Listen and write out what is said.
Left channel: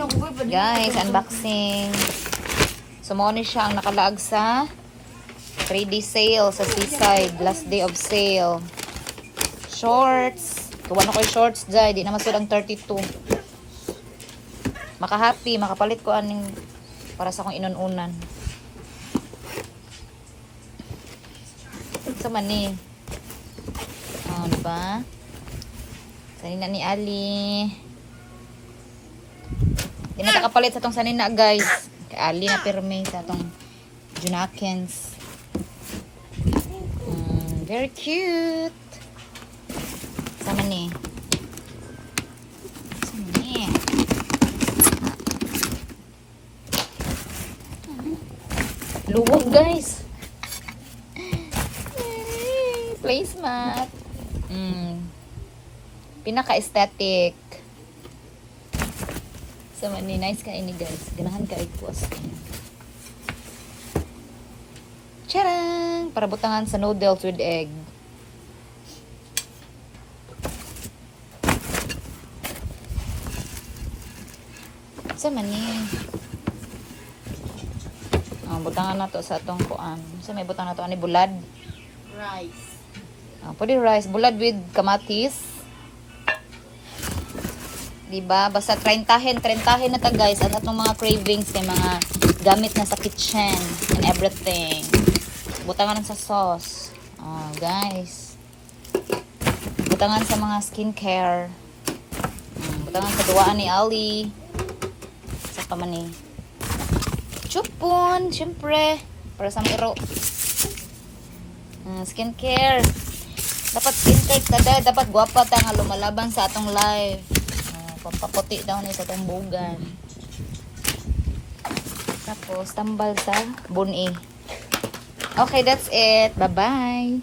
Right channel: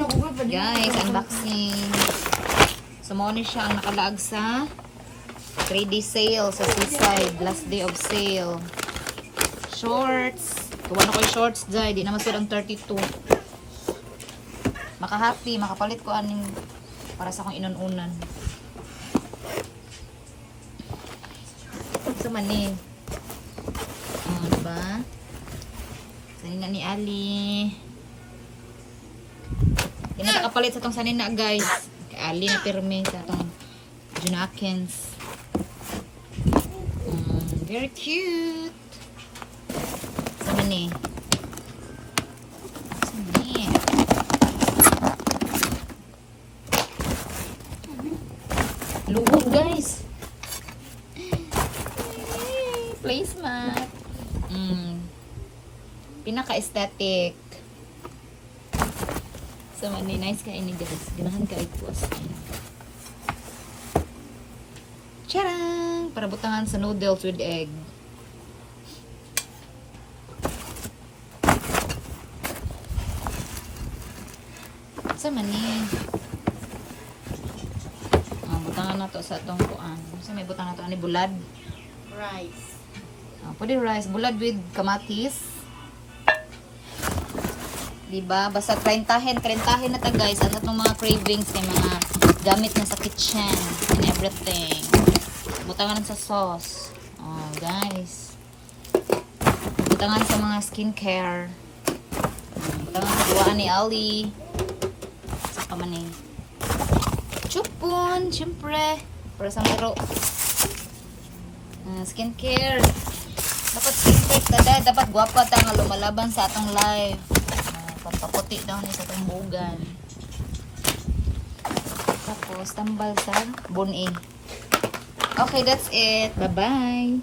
Guys, unboxing. So, mo ni siya ang nakalaag sa 3D sale sa Seaside. Last day of sale. Shorts. Kuha na ko yung shorts, Jai. Di naman silang 32. Maka-happy. Makapalit ko aning para sa akong inununan. Sa mani. Oh, diba? Sanina ni Ali. Di na kapalit sa itong sanina, guys. Kay Ali na pirme sa itong Junakins. Very cute. Sama ni. Sama ni. Luwag, guys. Placemat. Pinaka-aesthetic. Sama ni. Nice ka ini, guys. Ganahan ka ikuas. Tcharam! Para butangan sa noodles with egg. Sama ni. Butangan na to sa atong kuan. Sa may butang na to ani bulad. Rice. Pwede rice. Bulad with kamatis. Diba? Basta trentahin na ta, guys. At atong mga cravings kay mga gamit na sa kitchen and everything. Butangan sa sauce. Guys. Butangan sa mga skincare. Butangan sa duwaan ni Ali. Saka man ni chupon, syempre. Para sa miro. Skincare. Dapat skincare taday. Dapat guwapa ta nga lumalaban sa atong life. Pampaputi daw ni sa itong bugan. Tapos, tambal sa buni. Okay, that's it. Bye-bye.